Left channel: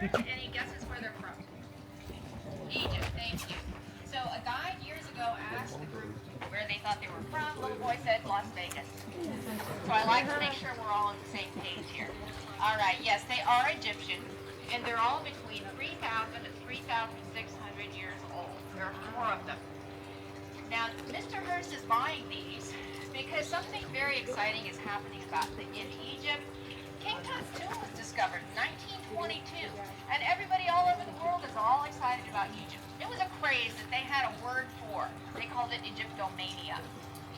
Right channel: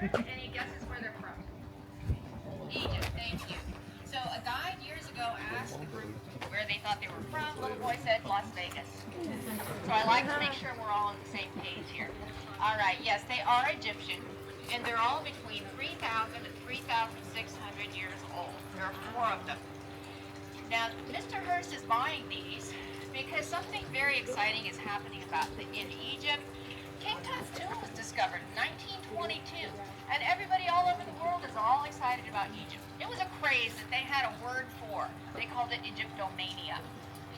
here. Any guesses where they're from? Egypt, thank you. So a guide years ago asked the group where they thought they were from. Little boy said Las Vegas. So I like to make sure we're all on the same page here. All right, yes, they are Egyptian, and they're all between 3,000 and 3,600 years old. There are 4 of them. Now, Mr. Hearst is buying these because something very exciting is happening in Egypt. King Tut's tomb was discovered in 1922, and everybody all over the world is all excited about Egypt. It was a craze that they had a word for. They called it Egyptomania.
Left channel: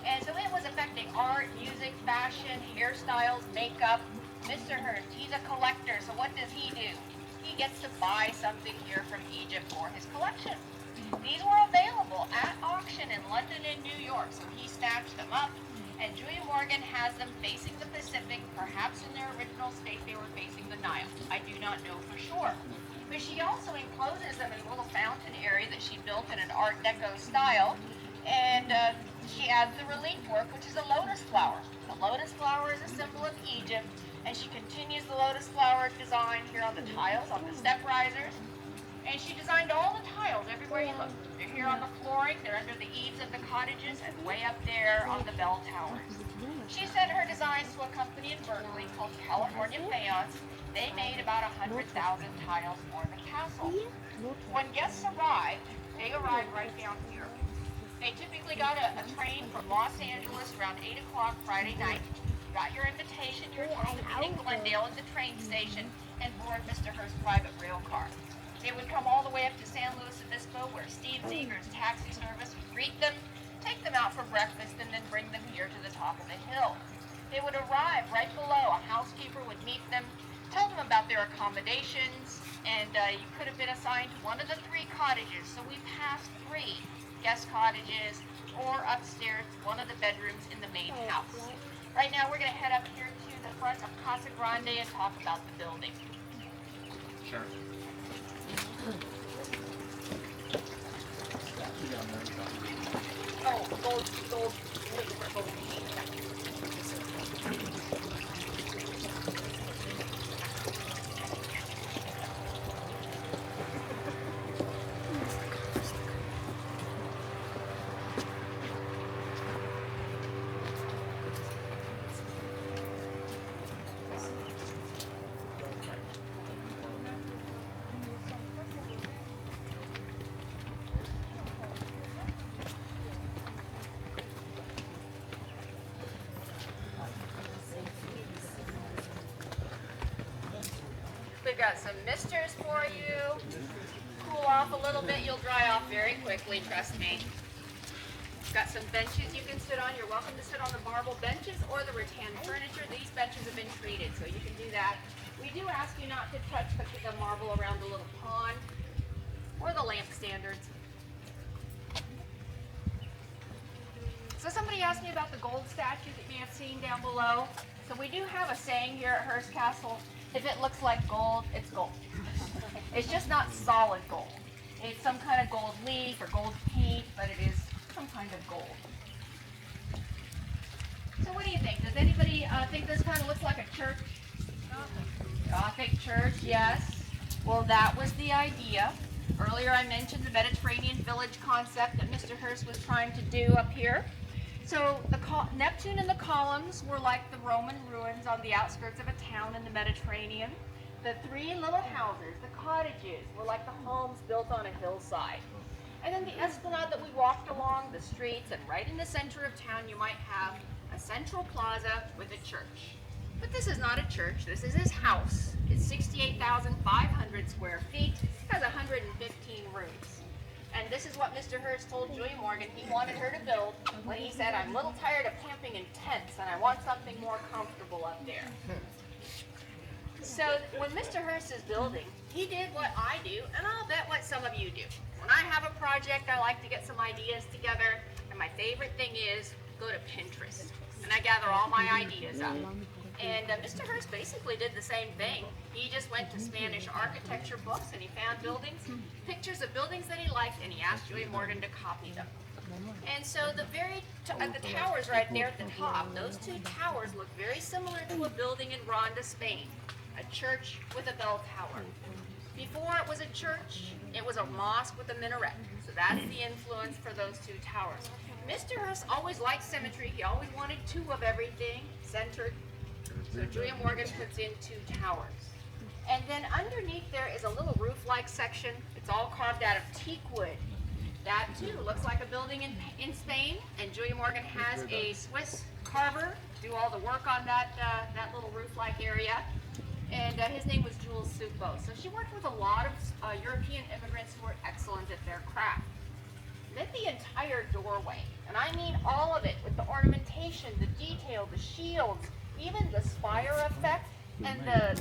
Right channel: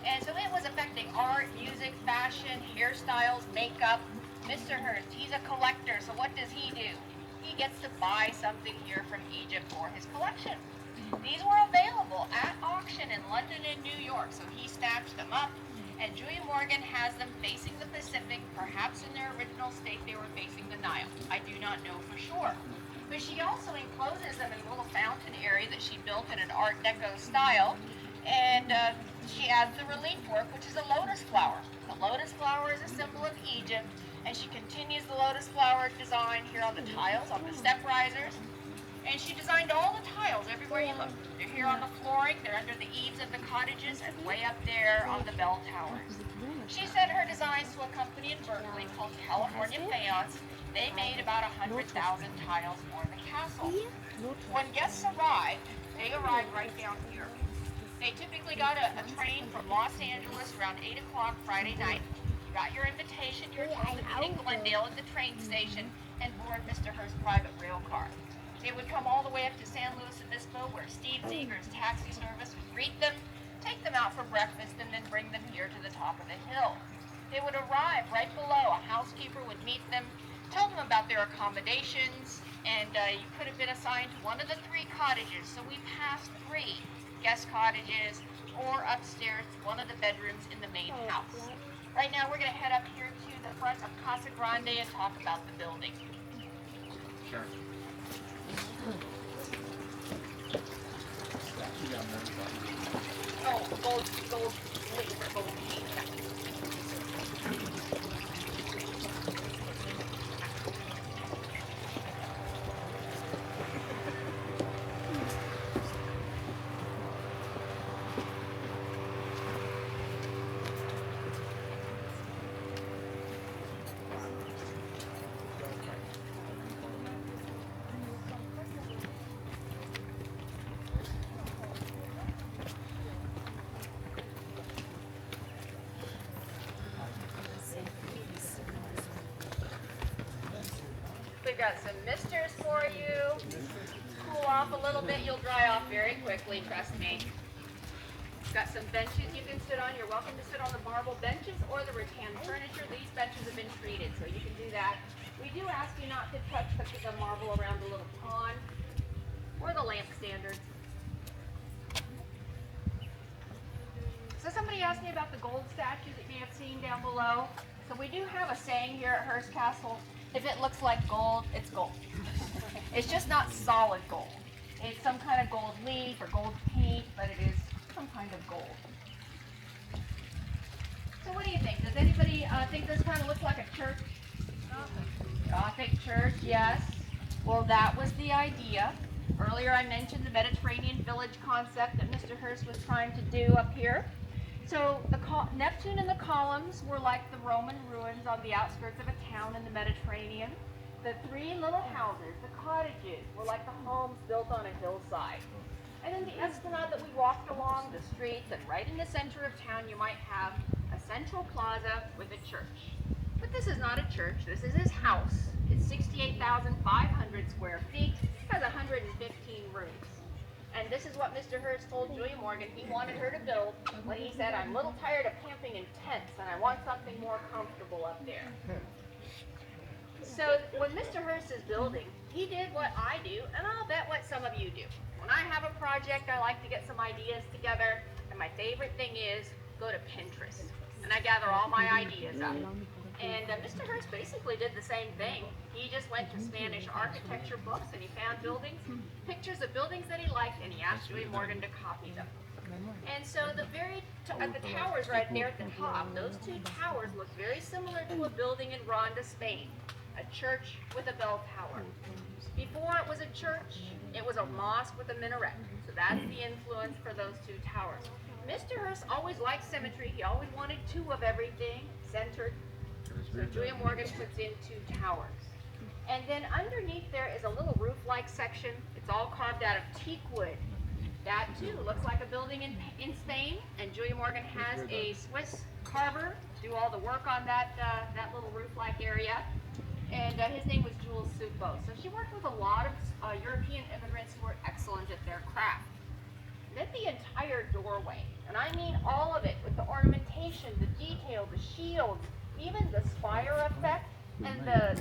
And so it was affecting art, music, fashion, hairstyles, makeup. Mr. Hearst, he's a collector, so what does he do? He gets to buy something here from Egypt for his collection. These were available at auction in London and New York, so he snatched them up. And Julia Morgan has them facing the Pacific. Perhaps in their original state they were facing the Nile. I do not know for sure. But she also encloses them in a little fountain area that she built in an Art Deco style. And she adds the relief work, which is a lotus flower. The lotus flower is a symbol of Egypt. And she continues the lotus flower design here on the tiles, on the step risers. And she designed all the tiles everywhere you look. They're here on the flooring, they're under the eaves of the cottages, and way up there on the bell towers. She sent her designs to a company in Berkeley called California Faience. They made about 100,000 tiles for the castle. When guests arrived, they arrived right down here. They typically got a train from Los Angeles around 8 o'clock Friday night. You got your invitation, you were told to meet in Glendale at the train station and board Mr. Hearst's private rail car. They would come all the way up to San Luis Obispo, where Steve Zeger's taxi service would greet them, take them out for breakfast, and then bring them here to the top of the hill. They would arrive right below. A housekeeper would meet them, tell them about their accommodations, and you could have been assigned to one of the 3 cottages. So we passed 3 guest cottages or upstairs to one of the bedrooms in the main house. Right now we're going to head up here to the front of Casa Grande and talk about the building. Sure. Oh, gold. We've got some misters for you. Cool off a little bit, you'll dry off very quickly, trust me. Got some benches you can sit on. You're welcome to sit on the marble benches or the rattan furniture. These benches have been treated, so you can do that. We do ask you not to touch the marble around the little pond or the lamp standards. So somebody asked me about the gold statue that you may have seen down below. So we do have a saying here at Hearst Castle: if it looks like gold, it's gold. It's just not solid gold. It's some kind of gold leaf or gold paint, but it is some kind of gold. So what do you think? Does anybody think this kind of looks like a church? Gothic church, yes. Well, that was the idea. Earlier I mentioned the Mediterranean village concept that Mr. Hearst was trying to do up here. So the Neptune and the columns were like the Roman ruins on the outskirts of a town in the Mediterranean. The 3 little houses, the cottages, were like the homes built on a hillside. And then the esplanade that we walked along the streets, and right in the center of town you might have a central plaza with a church. But this is not a church, this is his house. It's 68,500 square feet, has 115 rooms. And this is what Mr. Hearst told Julia Morgan he wanted her to build when he said, "I'm a little tired of camping in tents and I want something more comfortable up there." So when Mr. Hearst is building, he did what I do, and I'll bet what some of you do. When I have a project, I like to get some ideas together, and my favorite thing is go to Pinterest, and I gather all my ideas up. And Mr. Hearst basically did the same thing. He just went to Spanish architecture books and he found pictures of buildings that he liked, and he asked Julia Morgan to copy them. And so the towers right there at the top, those 2 towers look very similar to a building in Ronda, Spain, a church with a bell tower. Before it was a church, it was a mosque with a minaret. So that's the influence for those two towers. Mr. Hearst always liked symmetry. He always wanted two of everything centered. So Julia Morgan puts in two towers. And then underneath there is a little roof-like section. It's all carved out of teak wood. That too looks like a building in Spain. And Julia Morgan has a Swiss carver do all the work on that little roof-like area. And his name was Jules Supo. So she worked with a lot of European immigrants who were excellent at their craft. Then the entire doorway, and I mean all of it, with the ornamentation, the detail, the shields, even the spire effect, and the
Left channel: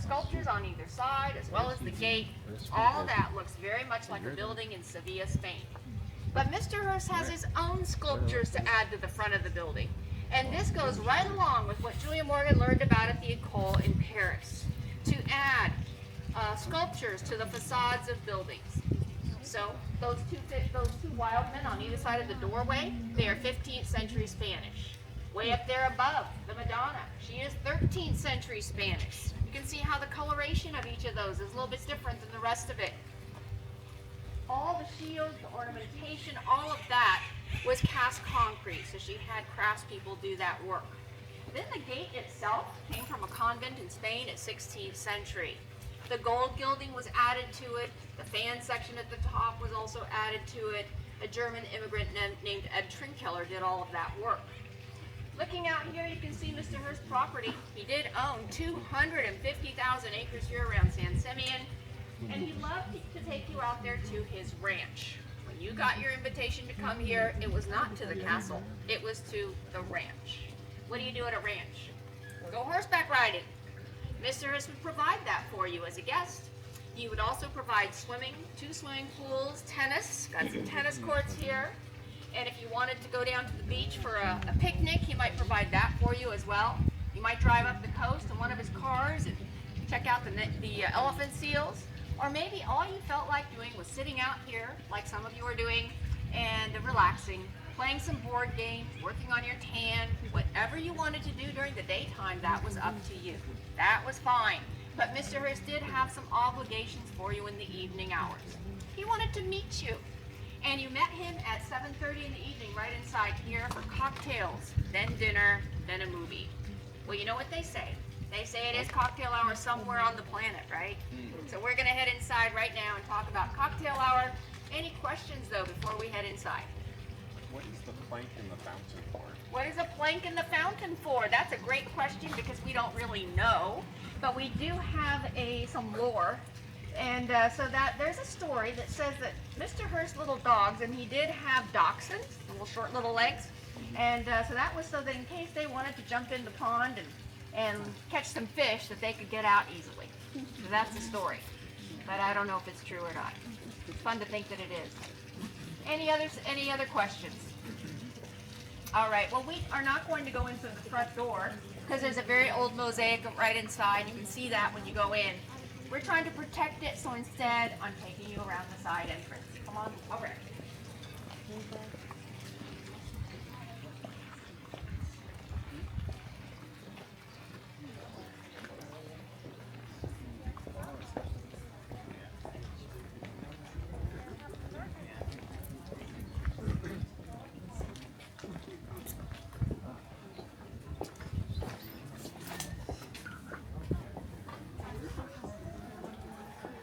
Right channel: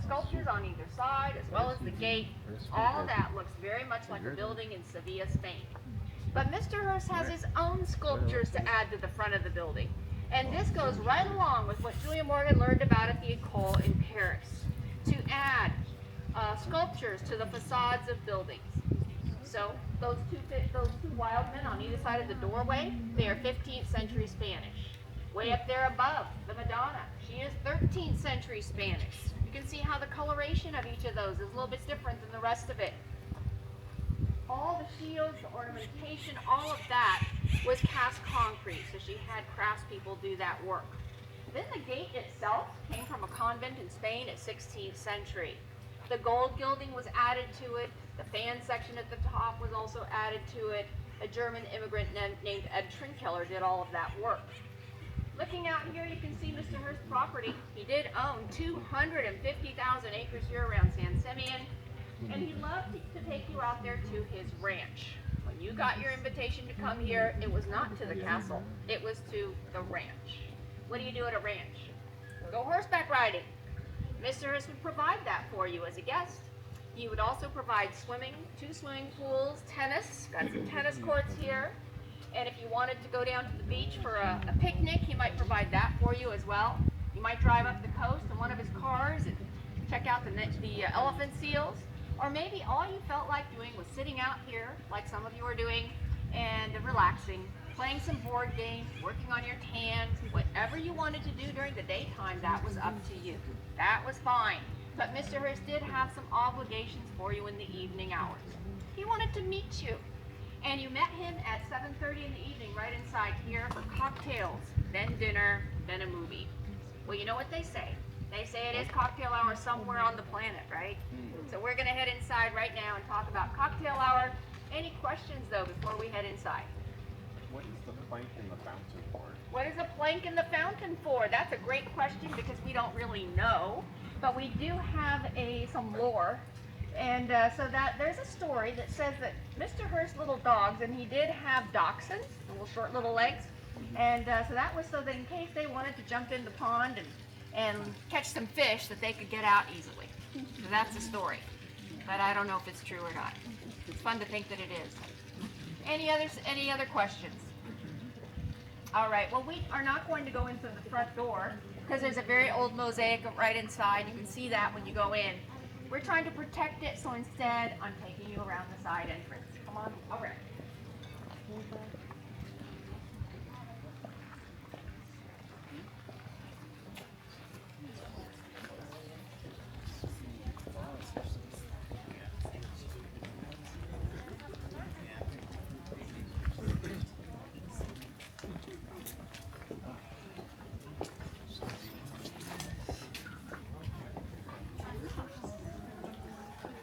sculptures on either side, as well as the gate, all that looks very much like a building in Sevilla, Spain. But Mr. Hearst has his own sculptures to add to the front of the building. And this goes right along with what Julia Morgan learned about at the École in Paris, to add sculptures to the facades of buildings. So those two wild men on either side of the doorway, they are 15th century Spanish. Way up there above, the Madonna, she is 13th century Spanish. You can see how the coloration of each of those is a little bit different than the rest of it. All the shields, the ornamentation, all of that was cast concrete, so she had craftspeople do that work. Then the gate itself came from a convent in Spain at 16th century. The gold gilding was added to it. The fan section at the top was also added to it. A German immigrant named Ed Trinkeller did all of that work. Looking out here, you can see Mr. Hearst's property. He did own 250,000 acres here around San Simeon, and he loved to take you out there to his ranch. When you got your invitation to come here, it was not to the castle, it was to the ranch. What do you do at a ranch? Go horseback riding. Mr. Hearst would provide that for you as a guest. He would also provide swimming, 2 swimming pools, tennis, got some tennis courts here. And if you wanted to go down to the beach for a picnic, he might provide that for you as well. You might drive up the coast in one of his cars and check out the elephant seals. Or maybe all you felt like doing was sitting out here, like some of you are doing, and relaxing, playing some board games, working on your tan, whatever you wanted to do during the daytime, that was up to you. That was fine. But Mr. Hearst did have some obligations for you in the evening hours. He wanted to meet you. And you met him at 7:30 in the evening right inside here for cocktails, then dinner, then a movie. Well, you know what they say. They say it is cocktail hour somewhere on the planet, right? So we're going to head inside right now and talk about cocktail hour. Any questions, though, before we head inside? What is the plank in the fountain for? What is a plank in the fountain for? That's a great question because we don't really know. But we do have some lore. And so that there's a story that says that Mr. Hearst's little dogs, and he did have dachshunds, little short little legs, and so that was so that in case they wanted to jump in the pond and catch some fish, that they could get out easily. So that's the story, but I don't know if it's true or not. It's fun to think that it is. Any other questions? All right. Well, we are not going to go into the front door because there's a very old mosaic right inside. You can see that when you go in. We're trying to protect it, so instead, I'm taking you around the side entrance. Come on, over.